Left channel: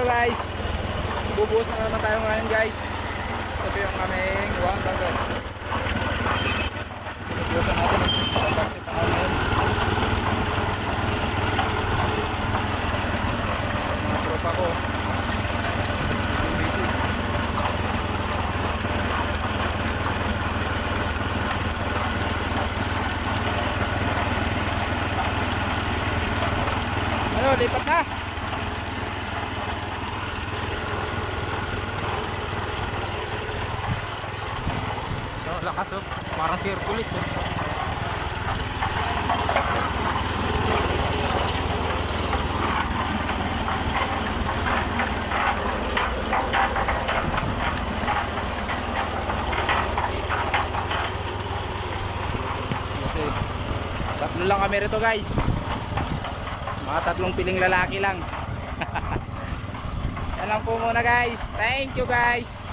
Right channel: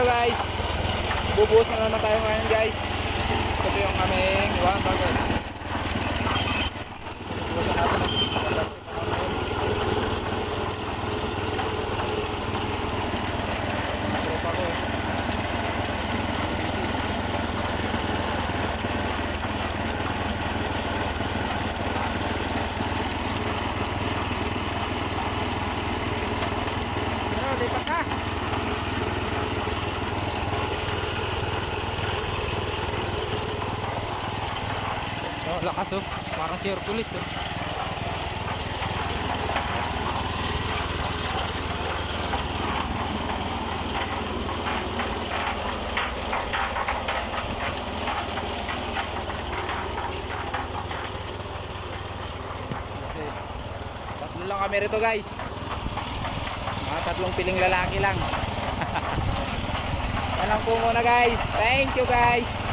ano guys, bubuhos na naman tayo ngayon guys. Ito po yung aming one bagay. Bubuhosan natin ang taksi pa ngayon. Mga tropa ko busy. Ano, lipat na. Oh, lakas oh. Parang circulus oh. Kasi tatlo lang kami rito guys. Mga tatlong piling lalaki lang. Yan lang po muna guys. Thank you guys.